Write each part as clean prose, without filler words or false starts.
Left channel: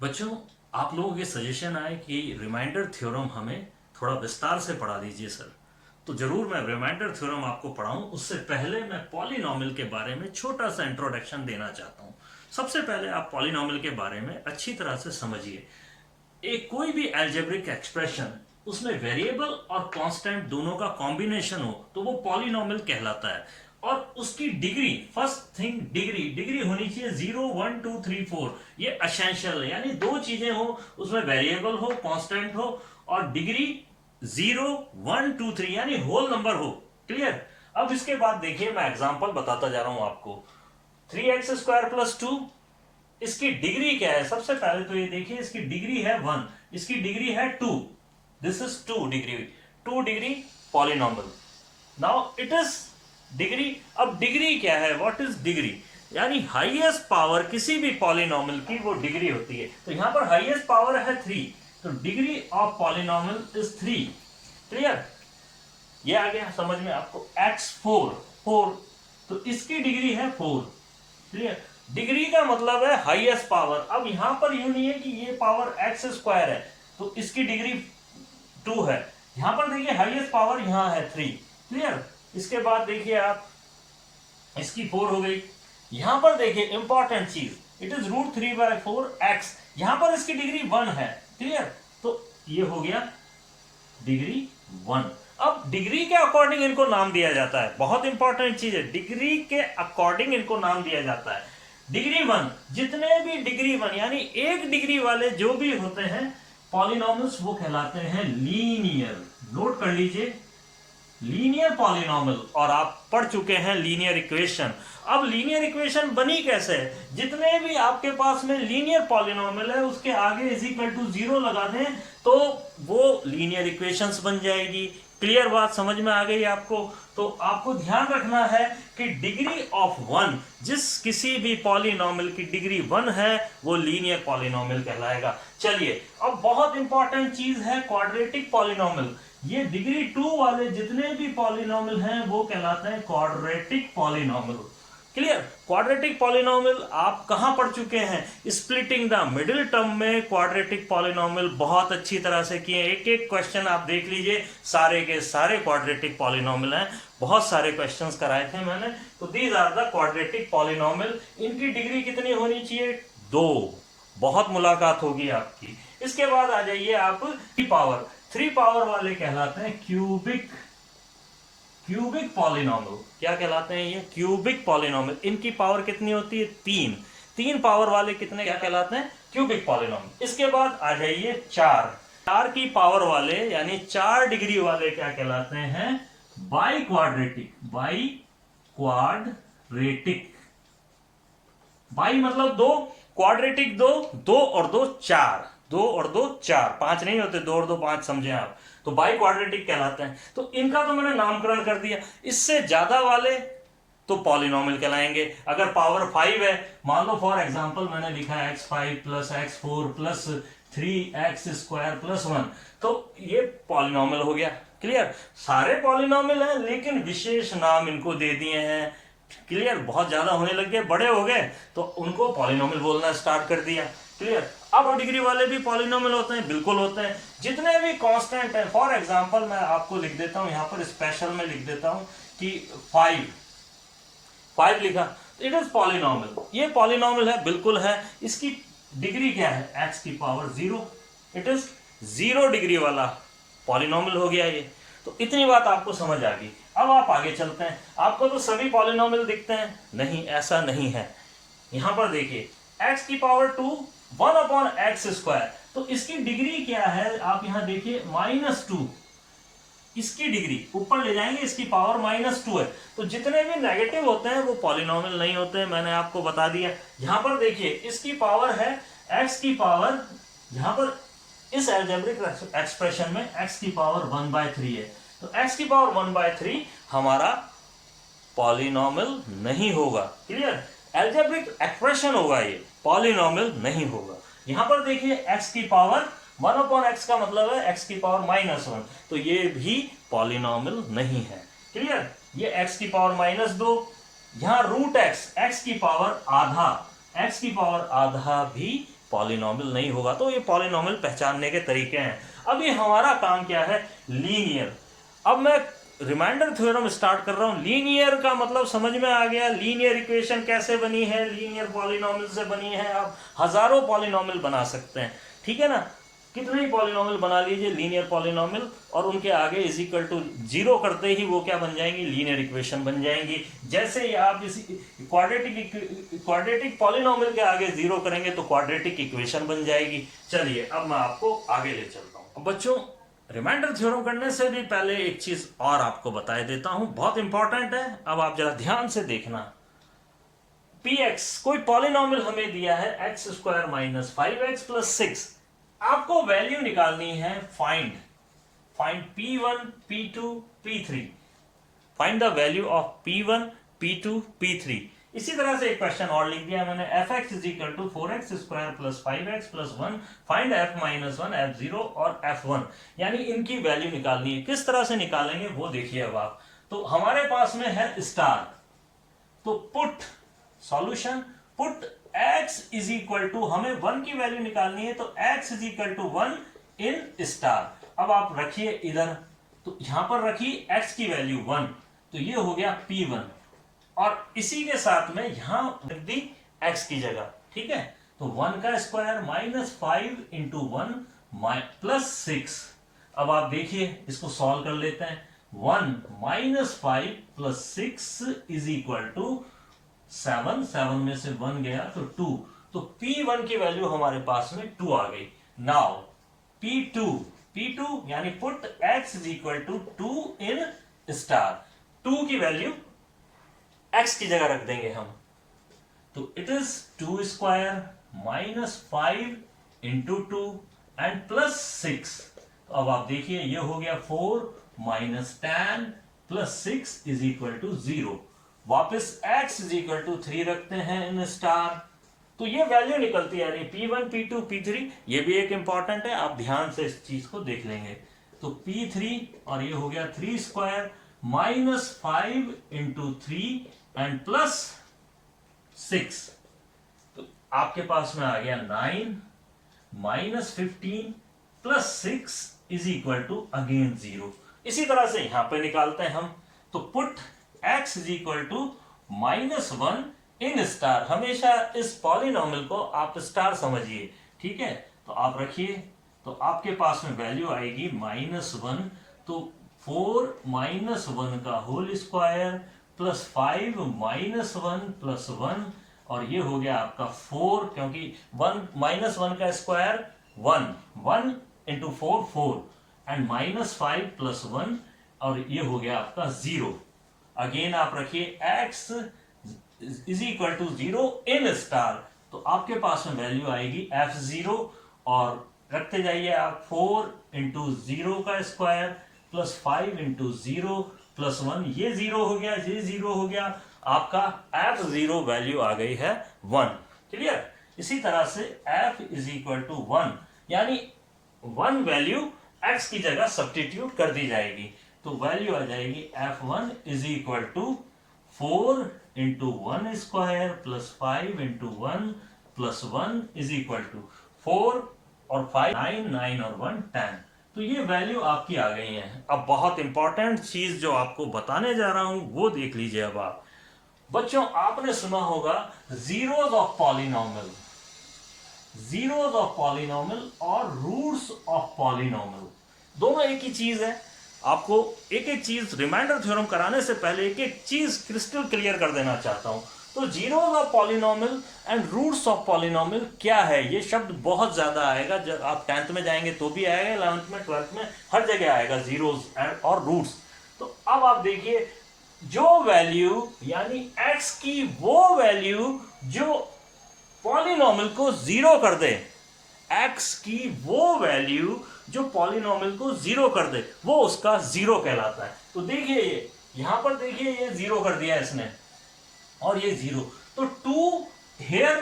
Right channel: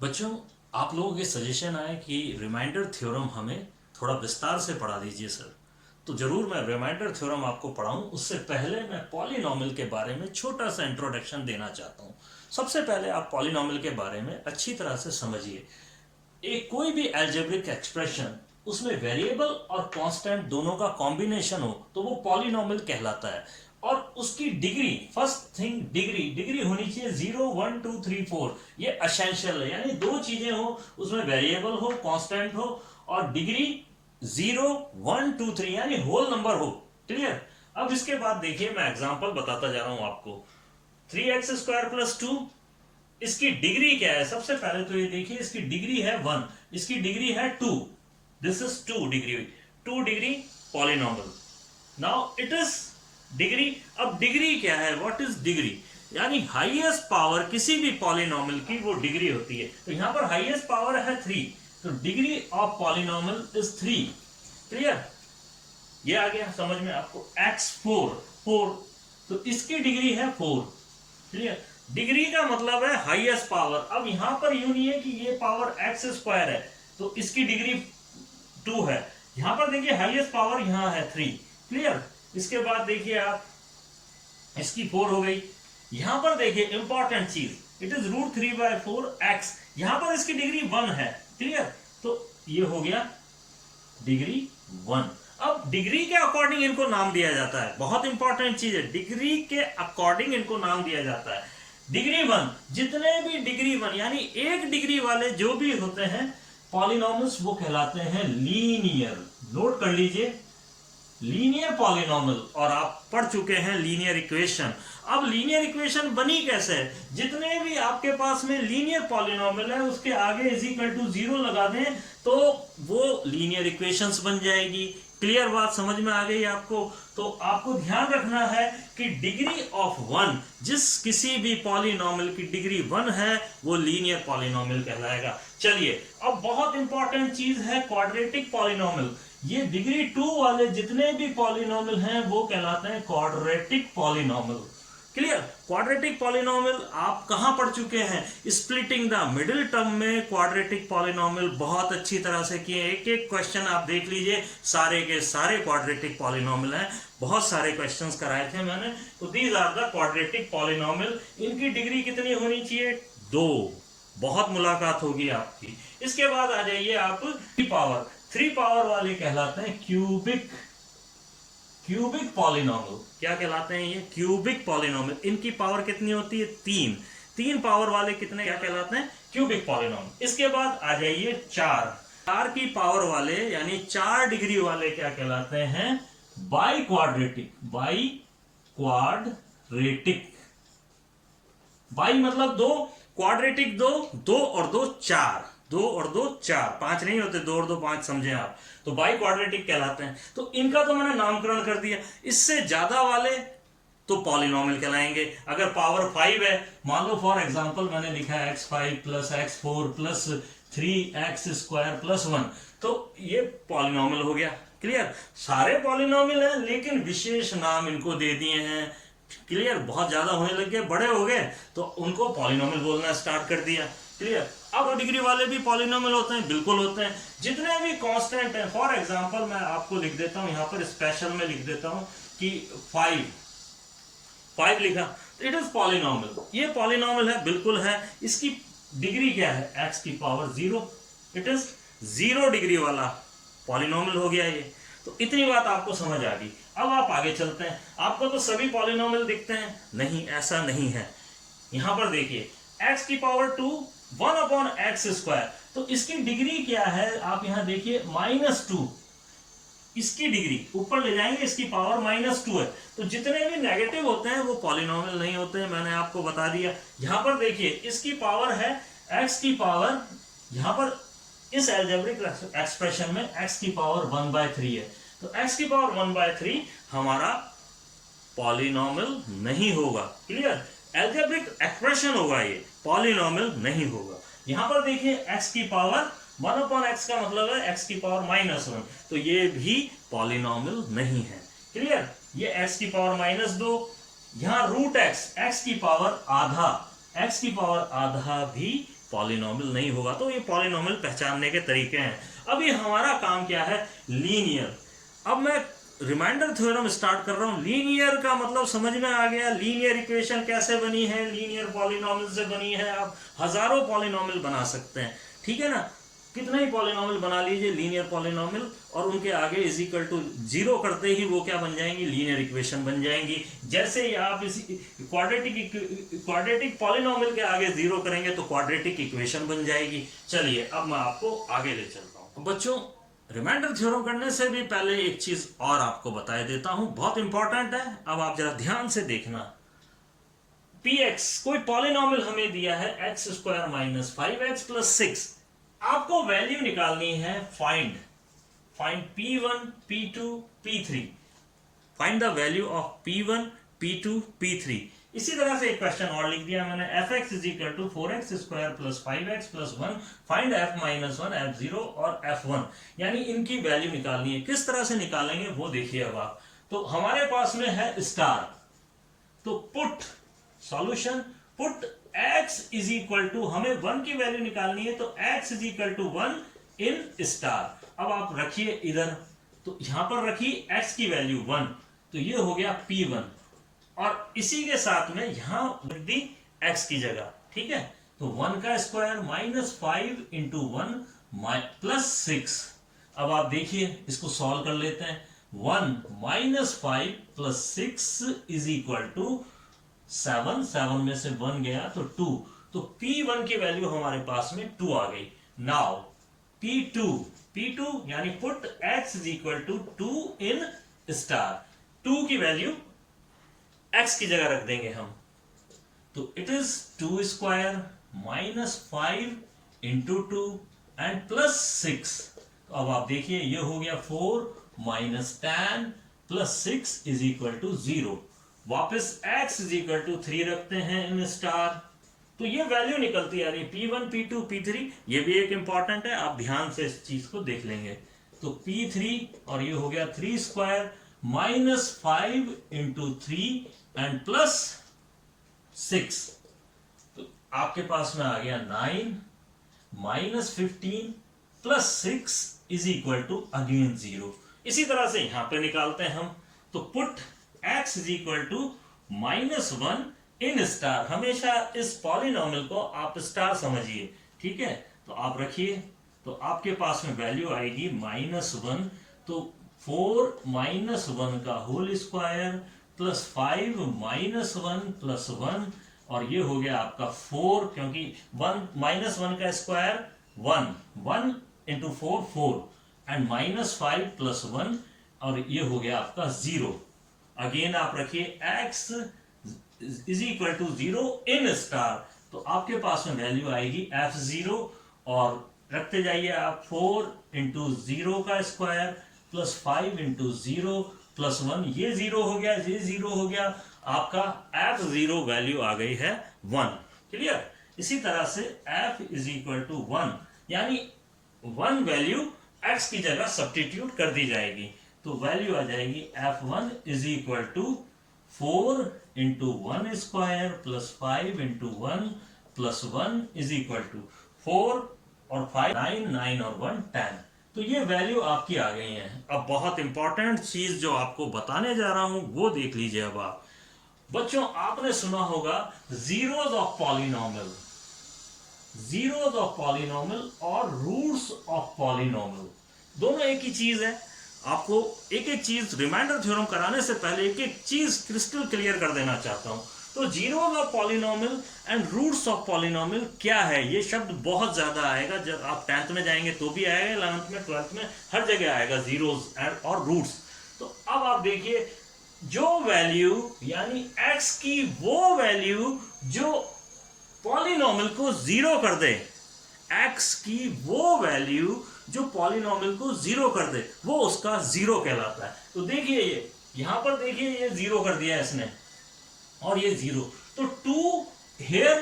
बच्चों, आप लोगों के सजेशन आए कि रिमाइंडर थ्योरम हमें थोड़ा विस्तार से पढ़ा दीजिए सर। तो ज़रूर मैं रिमाइंडर थ्योरम आपको पढ़ाऊं। उससे पहले मैं पॉलिनॉमियल के बारे में छोटा सा इंट्रोडक्शन देना चाहता हूं। सबसे पहले आप पॉलिनॉमियल के बारे में अच्छी तरह से समझिए। एक कोई भी अलजेब्रिक एक्सप्रेशन, उसमें वेरिएबल और कांस्टेंट दोनों का कॉम्बिनेशन हो तो वो पॉलिनॉमियल कहलाता है। और उसकी degree, first thing degree degree होनी चाहिए 0 1 2 3 4। ये असेंशियल है, यानी दो चीजें हो, उसमें वेरिएबल हो, कांस्टेंट हो और डिग्री 0 1 2 3 यानी होल नंबर हो। क्लियर। अब इसके बाद देखिए, मैं एग्जांपल बताता जा रहा हूं आपको। 3x² + 2, इसकी डिग्री क्या है? सबसे पहले तो ये देखिए, इसकी डिग्री है 1, इसकी डिग्री है 2। This is 2 degree, 2 degree polynomial. Now it is degree. अब डिग्री क्या है? What is degree? यानी हाईएस्ट पावर किसी भी पॉलिनॉमियल की वो डिग्री होती है। तो यहां पर हाईएस्ट पावर है 3, तो degree of polynomial is 3। Clear? ये आ गया समझ में आपको। x4, 4, तो इसकी डिग्री है 4। क्लियर? डिग्री का मतलब है हाईएस्ट पावर। अब यहां पर यूं नहीं है कि ये पावर x² है तो इसकी डिग्री 2 है। यहां पर देखिए हाईएस्ट पावर यहां है 3। क्लियर? इसके बाद देखिए आप, इसकी 4 हो गई। यहां पर देखिए इंपॉर्टेंट चीज, इट इज √3/4x। यहां पर इसकी डिग्री 1 है। क्लियर? तो ये हो गया डिग्री 1। अब डिग्री के अकॉर्डिंग इनको नाम दिया जाता है। बहुत इंपॉर्टेंट चीज है, डिग्री के अकॉर्डिंग इनको नाम दिया जाता है। डिग्री 1, जितने भी डिग्री 1 यानी एक डिग्री वाले जो भी होते हैं पॉलिनॉमियल्स, वो कहलाते हैं लीनियर। नोट कर लीजिए, लीनियर पॉलिनॉमियल। और आप पढ़ चुके हैं लीनियर इक्वेशन। अब लीनियर इक्वेशन बनी कैसे है? जितने भी आपके पास में लीनियर पॉलिनॉमियल है उसके आगे = 0 लगा दें तो वो लीनियर इक्वेशंस बन जाएगी। क्लियर बात समझ में आ गई आपको? तो आपको ध्यान रखना है कि डिग्री ऑफ 1, जिस किसी भी पॉलिनॉमियल की डिग्री 1 है वो लीनियर पॉलिनॉमियल कहलाएगा। चलिए, अब बहुत इंपॉर्टेंट चीज है क्वाड्रेटिक पॉलिनॉमियल। ये डिग्री 2 वाले जितने भी पॉलिनॉमियल हैं वो कहलाते हैं quadratic polynomial. Clear? Quadratic polynomial आप कहां पढ़ चुके हैं? स्प्लिटिंग द मिडिल टर्म में क्वाड्रेटिक पॉलिनॉमियल बहुत अच्छी तरह से किए। एक एक क्वेश्चन आप देख लीजिए, सारे के सारे क्वाड्रेटिक पॉलिनॉमियल हैं। बहुत सारे क्वेश्चंस कराए थे मैंने। तो these are the quadratic polynomial. इनकी डिग्री कितनी होनी चाहिए? 2। बहुत मुलाकात होगी आपकी। इसके बाद आ जाइए आप 3 पावर। 3 पावर वाले कहलाते हैं क्यूबिक पॉलिनॉमियल। क्या कहलाते हैं ये? Cubic polynomial. इनकी पावर कितनी होती है? 3। 3 पावर वाले कितने क्या कहलाते हैं? Cubic polynomial. इसके बाद आ जाइए 4। 4 की पावर वाले यानी 4 डिग्री वाले क्या कहलाते हैं? By quadratic. बाई मतलब 2, क्वाड्रेटिक 2, 2 और 2 4, 2 और 2 4, 5 नहीं होते, 2 और 2 5 समझे आप। तो बाई क्वाड्रेटिक कहलाते हैं। तो इनका तो मैंने नामकरण कर दिया। इससे ज्यादा वाले तो पॉलिनॉमियल कहलाएंगे। अगर पावर 5 है, मान लो फॉर एग्जांपल मैंने लिखा है x5 + x4 + 3x² + 1, तो ये पॉलिनॉमियल हो गया। क्लियर? सारे पॉलिनॉमियल हैं लेकिन विशेष नाम इनको दे दिए हैं। क्लियर? बहुत ज्यादा होने लग गए, बड़े हो गए तो उनको पॉलिनॉमियल बोलना स्टार्ट कर दिया। क्लियर? अब डिग्री वाले भी पॉलिनॉमियल होते हैं, बिल्कुल होते हैं। जितने भी कांस्टेंट हैं, फॉर एग्जांपल मैं आपको लिख देता हूं, यहां पर स्पेशल में लिख देता हूं कि 5 लिखा, इट इज पॉलिनॉमियल। ये पॉलिनॉमियल है, बिल्कुल है। इसकी डिग्री क्या है? x⁻0। इट इज 0 डिग्री वाला पॉलिनॉमियल हो गया ये। तो इतनी बात आपको समझ आ गई। अब आप आगे चलते हैं। आपको तो सभी पॉलिनॉमियल दिखते हैं, नहीं, ऐसा नहीं है। यहां पर देखिए x⁻2 1/x², तो इसकी डिग्री क्या है? आप यहां देखिए -2। इसकी डिग्री ऊपर ले जाएंगे, इसकी पावर -2 है। तो जितने भी नेगेटिव होते हैं वो पॉलिनॉमियल नहीं होते हैं, मैंने आपको बता दिया। यहां पर देखिए इसकी पावर है x की पावर, यहां पर इस अलजेब्रिक एक्सप्रेशन में x की पावर 1/3 है। तो x की पावर 1/3 हमारा पॉलिनॉमियल नहीं होगा। क्लियर? अलजेब्रिक एक्सप्रेशन होगा, ये पॉलिनॉमियल नहीं होगा। यहां पर देखिए x की पावर 1/x का मतलब है x की पावर -1, तो ये भी पॉलिनॉमियल नहीं है। क्लियर? ये x की पावर -2, यहां √x, x की पावर आधा, x की पावर आधा भी पॉलिनॉमियल नहीं होगा। तो ये पॉलिनॉमियल पहचानने के तरीके हैं। अभी हमारा काम क्या है, लीनियर। अब मैं रिमाइंडर थ्योरम स्टार्ट कर रहा हूं। लीनियर का मतलब समझ में आ गया, लीनियर इक्वेशन कैसे बनी है, लीनियर पॉलिनॉमियल से बनी है। आप हजारों पॉलिनॉमियल बना सकते हैं, ठीक है ना, कितने ही पॉलिनॉमियल बना लीजिए लीनियर पॉलिनॉमियल, और उनके आगे इज इक्वल टू 0 करते ही वो क्या बन जाएंगी, लीनियर इक्वेशन बन जाएंगी। जैसे ही आप इस क्वाड्रेटिक पॉलिनॉमियल के आगे 0 करेंगे तो क्वाड्रेटिक इक्वेशन बन जाएगी। चलिए अब मैं आपको आगे ले चलता हूं। बच्चों, रिमाइंडर थ्योरम करने से भी पहले एक चीज और आपको बता देता हूं, बहुत इंपॉर्टेंट है। अब आप जरा ध्यान से देखना। px कोई पॉलिनॉमियल हमें दिया है x² माइनस 5x प्लस 6। आपको वैल्यू निकालनी है, find p1 p2 p3, find the value of p1 p2 p3। इसी तरह से एक क्वेश्चन और लिख दिया मैंने, fx is equal to 4x² plus 5x plus 1, find f minus 1 f0 और f1, यानी इनकी वैल्यू निकालनी है। किस तरह से निकालेंगे वो देखिए। अब आप, तो हमारे पास में है स्टार, तो put solution, put x is equal to, हमें 1 की वैल्यू निकालनी है, तो x is equal to 1 in star. अब आप रखिए इधर, तो यहां पर रखिए x की वैल्यू 1, तो ये हो गया p1, और इसी के साथ में यहां रख दी x की जगह, ठीक है। तो 1 का स्क्वायर माइनस 5 इंटू 1 प्लस 6। अब आप देखिए इसको सॉल्व कर लेते हैं। 1 minus 5 plus 6 is equal to 7, 7 में से 1 गया तो 2, तो p1 की वैल्यू हमारे पास में 2 आ गई। नाउ p2 यानी put x is equal to 2 in star, 2 की वैल्यू x की जगह रख देंगे हम, तो it is 2 square minus 5 into 2 and plus 6। तो अब आप देखिए ये हो गया 4 minus 10 plus 6 is equal to 0। वापस x इज इक्वल टू 3 रखते हैं इन स्टार, तो ये वैल्यू निकलती है, यानी p1 p2 p3। ये भी एक इंपॉर्टेंट है, आप ध्यान से इस चीज को देख लेंगे। तो p3 और ये हो गया 3 square minus 5 into 3 and plus 6, तो आपके पास में आ गया 9 minus 15 plus 6 is equal to again 0। इसी तरह से यहां पे निकालते हैं हम, तो put x is equal to minus 1 in star. हमेशा इस पॉलिनॉमियल को आप स्टार समझिए, ठीक है। तो आप रखिए, तो आपके पास में वैल्यू आएगी माइनस 1, तो 4 माइनस 1 का whole square plus 5 minus 1 plus 1, और ये हो गया आपका 4, क्योंकि 1 माइनस 1 का square 1 into 4 4, and minus 5 plus 1, और ये हो गया आपका 0। अगेन आप रखिए x is equal to 0 in star, तो आपके पास में वैल्यू आएगी f0, और रखते जाइए आप 4 इंटू 0 का स्क्वायर प्लस 5 इंटू 0 प्लस 1, ये 0 हो गया, ये 0 हो गया, आपका f0 वैल्यू आ गई है 1। क्लियर। इसी तरह से f इज इक्वल टू 1, यानी 1 वैल्यू x की जगह सब्स्टिट्यूट कर दी जाएगी, तो वैल्यू आ जाएगी f1 is equal to 4 into 1 square plus 5 into 1 plus 1 is equal to 4 और 5 9 9 और 1 10। तो ये वैल्यू आपकी आ गई है। अब बहुत इंपॉर्टेंट चीज जो आपको बताने जा रहा हूं वो देख लीजिए। अब आप बच्चों, आपने सुना होगा zeros of polynomial, zeros of polynomial और रूट्स ऑफ पॉलिनॉमियल, दोनों एक ही चीज है। आपको एक एक चीज रिमाइंडर थ्योरम कराने से पहले एक एक चीज क्रिस्टल क्लियर कर देना चाहता हूं। तो zeros of polynomial and roots of polynomial क्या है, ये शब्द बहुत ज्यादा आएगा, जब आप 10th में जाएंगे तो भी आएगा, 11th में 12th में हर जगह आएगा जीरोस एंड और रूट्स। तो अब आप देखिए, जो वैल्यू यानी x की वो वैल्यू जो पॉलिनॉमियल को 0 कर दे, x की वो वैल्यू जो पॉलिनॉमियल को 0 कर दे, वो उसका 0 कहलाता है। तो देखिए ये यहां पर देखिए, ये 0 कर दिया इसने, और ये 0, तो 2 here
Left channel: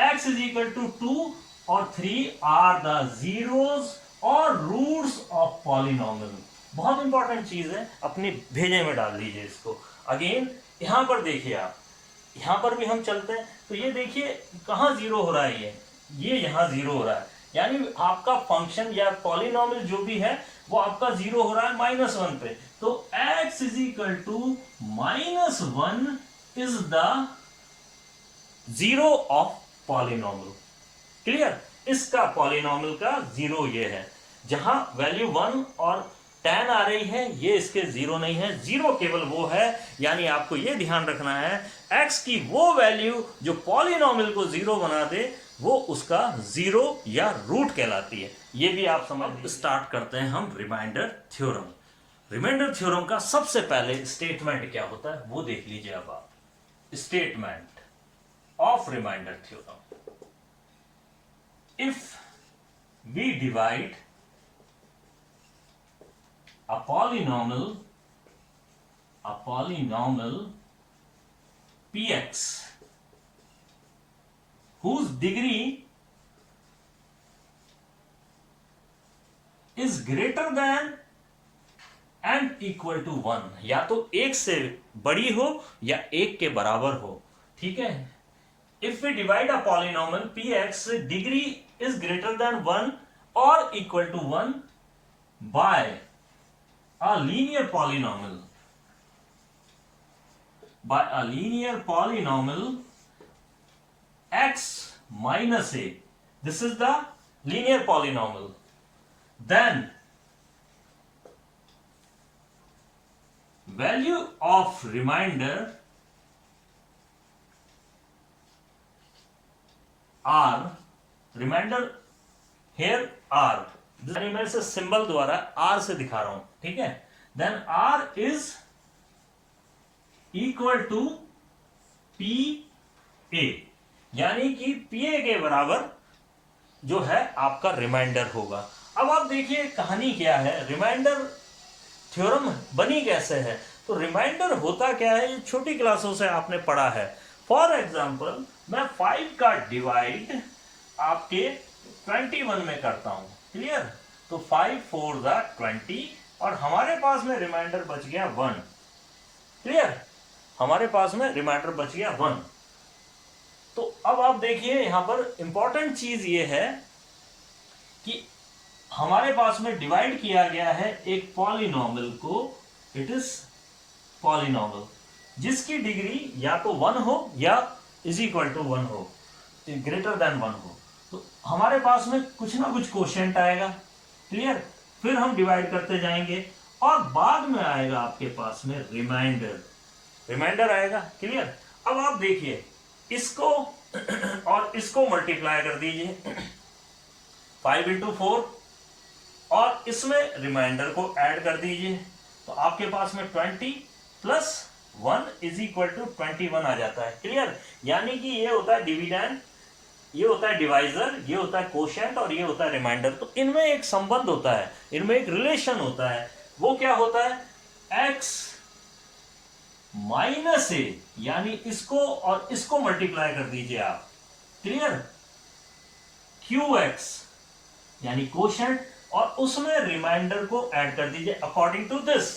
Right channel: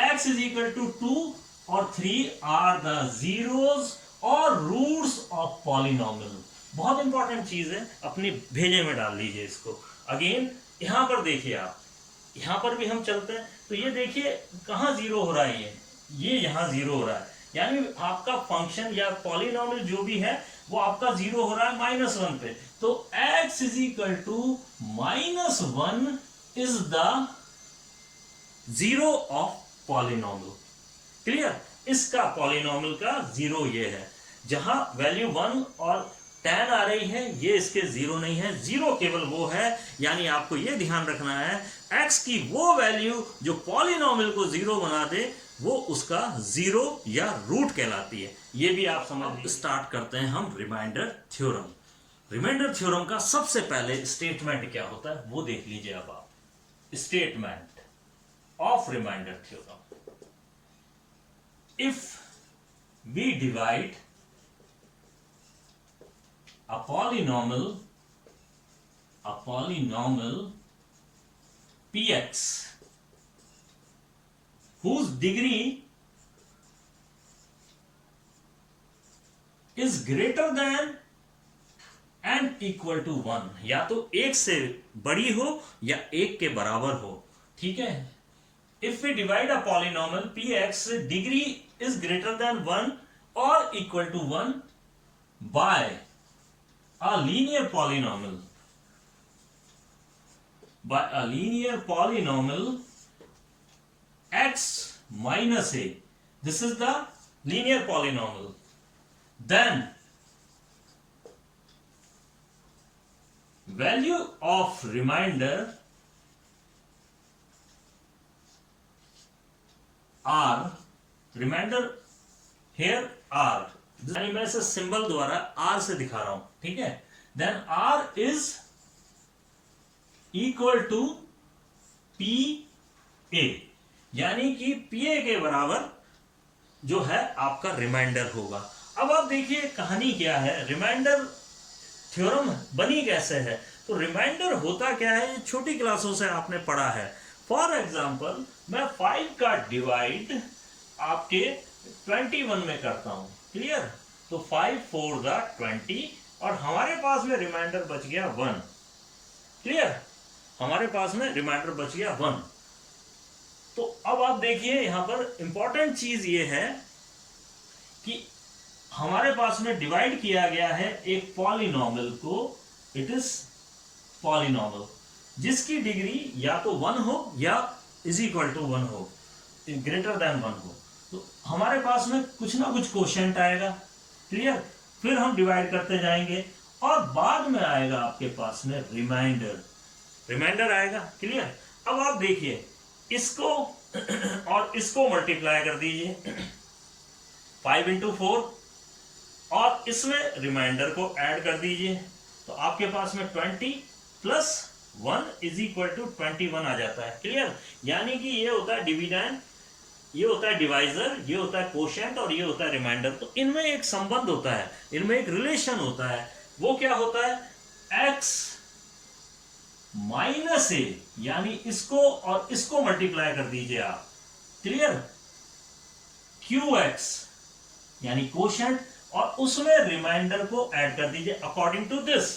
x is equal to 2 और 3 are the zeros और रूट्स ऑफ पॉलिनॉमियल। बहुत इंपॉर्टेंट चीज है, अपनी भेजे में डाल लीजिए इसको। अगेन यहां पर देखिए, आप यहां पर भी हम चलते हैं, तो ये देखिए कहां 0 हो रहा है, ये यहाँ 0 हो रहा है, यानी आपका फंक्शन या पॉलिनॉमियल जो भी है वो आपका 0 हो रहा है -1 पे। तो x is equal to -1 is the zero of polynomial. Clear? इसका पॉलिनॉमियल का 0 ये है, जहां वैल्यू 1 और 10 आ रही है, ये इसके 0 नहीं है, 0 केवल वो है। यानी आपको ये ध्यान रखना है x की वो वैल्यू जो पॉलिनॉमियल को 0 बना दे वो उसका 0 या रूट कहलाती है। ये भी आप समझ। स्टार्ट करते हैं हम रिमाइंडर थ्योरम। रिमाइंडर थ्योरम का सबसे पहले स्टेटमेंट क्या होता है वो देख लीजिए। अब आप statement of remainder theorem, if we divide a polynomial px whose degree is greater than and equal to 1, या तो 1 से बड़ी हो या 1 के बराबर हो। ठीक है? If we divide a polynomial px degree is greater than 1 or equal to 1 by a linear polynomial, x minus a, this is the linear polynomial, then value of remainder r, remainder here r, मैं इसे symbol द्वारा r से दिखा रहा हूं। ठीक है? Then r is equal to P A, यानी कि पी ए के बराबर जो है आपका रिमाइंडर होगा। अब आप देखिए कहानी क्या है, रिमाइंडर थ्योरम बनी कैसे है। तो रिमाइंडर होता क्या है, ये छोटी क्लासों से आपने पढ़ा है। फॉर एग्जाम्पल मैं 5 का डिवाइड आपके 21 में करता हूं। क्लियर? तो 5 4 द 20 और हमारे पास में रिमाइंडर बच गया 1। क्लियर? हमारे पास में रिमाइंडर बच गया 1। तो अब आप देखिए यहां पर इंपॉर्टेंट चीज ये है कि हमारे पास में डिवाइड किया गया है एक पॉलिनॉमियल को, इट इज पॉलिनॉमियल जिसकी डिग्री या तो 1 हो या इज इक्वल टू 1 हो, ग्रेटर देन 1 हो। तो हमारे पास में कुछ ना कुछ कोशेंट आएगा। क्लियर? फिर हम डिवाइड करते जाएंगे और बाद में आएगा आपके पास में रिमाइंडर आएगा। क्लियर? अब आप देखिए इसको और इसको मल्टीप्लाई कर दीजिए 5 इंटू 4 और इसमें रिमाइंडर को ऐड कर दीजिए, तो आपके पास में 20 प्लस 1 इज इक्वल टू 21 आ जाता है। क्लियर? यानी कि ये होता है डिविडेंड, ये होता है डिवाइजर, ये होता है कोशेंट और ये होता है रिमाइंडर। तो इनमें एक संबंध होता है, इनमें एक रिलेशन होता है। वो क्या होता है? x माइनस ए, यानी इसको और इसको मल्टीप्लाई कर दीजिए आप। क्लियर? QX यानी कोशेंट और उसमें रिमाइंडर को ऐड कर दीजिए अकॉर्डिंग टू दिस।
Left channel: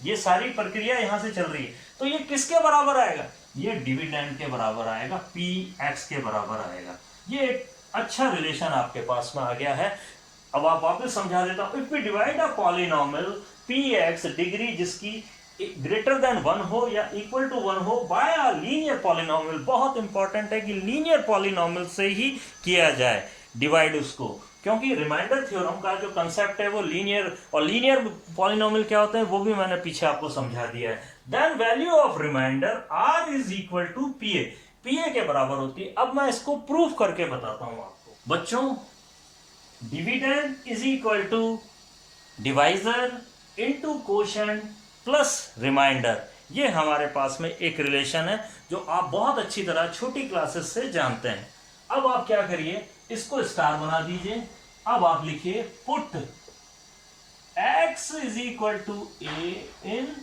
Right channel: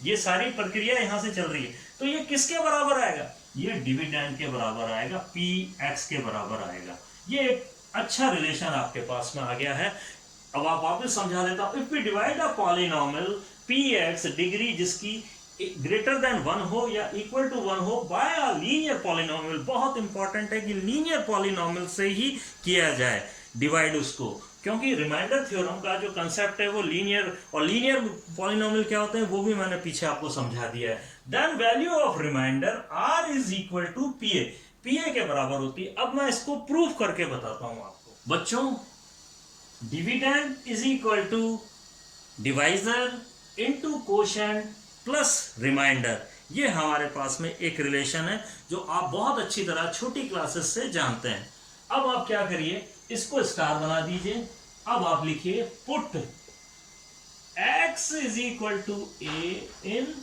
ये सारी प्रक्रिया यहां से चल रही है। तो ये किसके बराबर आएगा? ये डिविडेंड के बराबर आएगा, px के बराबर आएगा। ये एक अच्छा रिलेशन आपके पास में आ गया है। अब आप वापस समझा देता हूं। If we divide a polynomial px degree जिसकी ग्रेटर देन 1 हो या इक्वल टू 1 हो बाय अ लीनियर पॉलिनॉमियल, बहुत इंपॉर्टेंट है कि लीनियर पॉलिनॉमियल से ही किया जाए डिवाइड उसको, क्योंकि रिमाइंडर थ्योरम का जो कंसेप्ट है वो लीनियर, और लीनियर पॉलिनॉमियल क्या होते हैं वो भी मैंने पीछे आपको समझा दिया है। Then value of remainder r is equal to P A के बराबर होती है। अब मैं इसको प्रूफ करके बताता हूं आपको। बच्चों, dividend is equal to divisor into quotient plus remainder, ये हमारे पास में एक रिलेशन है जो आप बहुत अच्छी तरह छोटी क्लासेस से जानते हैं। अब आप क्या करिए, इसको स्टार बना दीजिए। अब आप लिखिए put x is equal to a in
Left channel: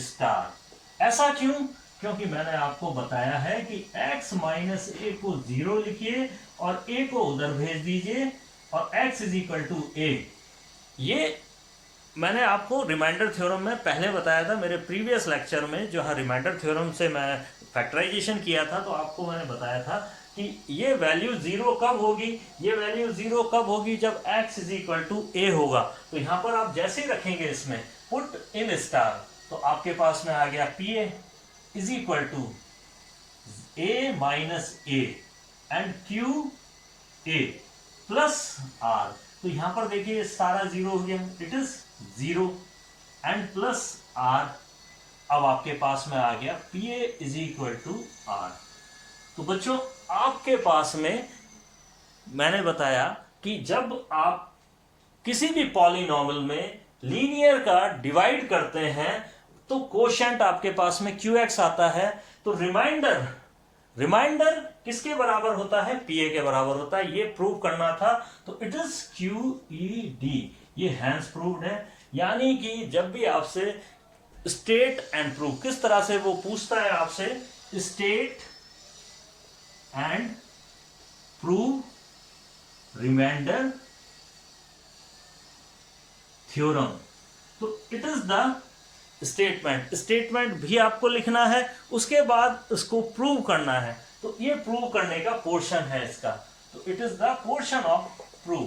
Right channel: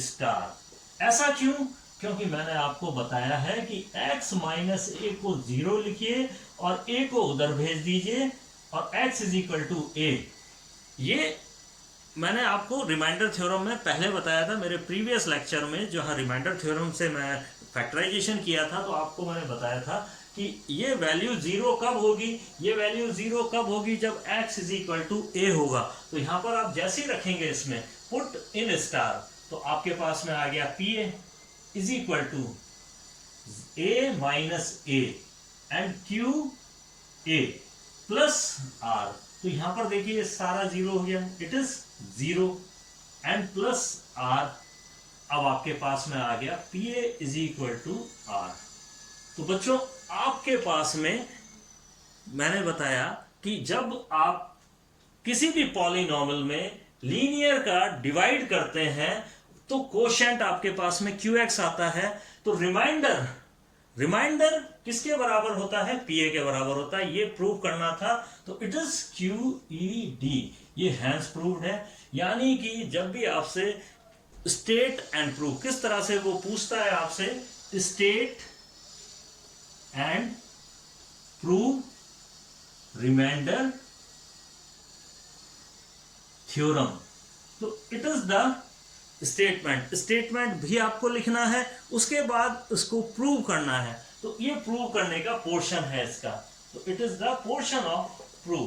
star. ऐसा क्यों? क्योंकि मैंने आपको बताया है कि x माइनस ए को 0 लिखिए और a को उधर भेज दीजिए और x is equal to a। ये मैंने आपको रिमाइंडर थ्योरम में पहले बताया था मेरे प्रीवियस लेक्चर में, जो हाँ रिमाइंडर थ्योरम से मैं फैक्टराइजेशन किया था, तो आपको मैंने बताया था कि ये वैल्यू जीरो कब होगी, ये वैल्यू जीरो कब होगी, जब x इज इक्वल टू ए होगा। तो यहां पर आप जैसे ही रखेंगे इसमें पुट इन स्टार, तो आपके पास में आ गया P A is equal to A minus A and Q A plus R. तो यहां पर देखिए ये सारा जीरो हो गया, it is zero and plus R. अब आपके पास में आ गया P A is equal to R. तो बच्चों आपके पास में मैंने बताया कि जब आप किसी भी पॉलिनॉमियल में लीनियर का डिवाइड करते हैं तो कोशेंट आपके पास में QX आता है। तो रिमाइंडर किसके बराबर होता है, PA के बराबर होता है। ये प्रूव करना था, तो इट इज QED, ये हैंस प्रूव्ड है। यानी कि जब भी आपसे स्टेट एंड प्रूव, किस तरह से वो पूछता है आपसे, state and prove remainder theorem. तो इट इज द स्टेटमेंट भी आपको लिखना है, उसके बाद उसको प्रूव करना है। तो ये प्रूव करने का पोर्शन है इसका, तो it is the portion of prove.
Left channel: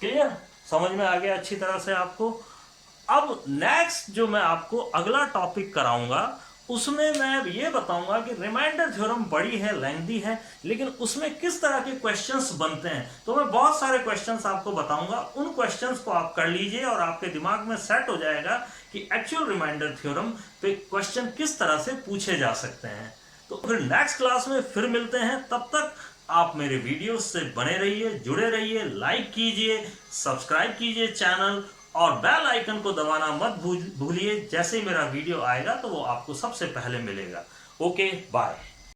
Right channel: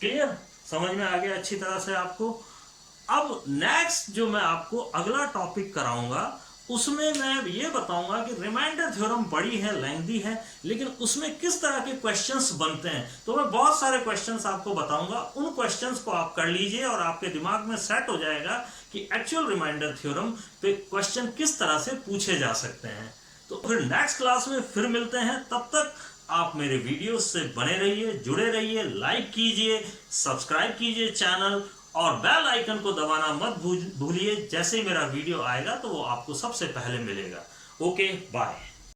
Clear, समझ में आ गया अच्छी तरह से आपको। अब नेक्स्ट जो मैं आपको अगला टॉपिक कराऊंगा उसमें मैं ये बताऊंगा कि रिमाइंडर थ्योरम बड़ी है, लेंथी है, लेकिन उसमें किस तरह के क्वेश्चंस बनते हैं। तो मैं बहुत सारे क्वेश्चंस आपको बताऊंगा, उन क्वेश्चंस को आप कर लीजिए और आपके दिमाग में सेट हो जाएगा कि एक्चुअल रिमाइंडर थ्योरम पे क्वेश्चन किस तरह से पूछे जा सकते हैं। तो फिर नेक्स्ट क्लास में फिर मिलते हैं, तब तक आप मेरे वीडियोस से बने रहिए, जुड़े रहिए, लाइक कीजिए, सब्सक्राइब कीजिए चैनल और बेल आइकन को दबाना मत भूलिए। जैसे ही मेरा वीडियो आएगा तो वो आपको सबसे पहले मिलेगा। Okay, bye.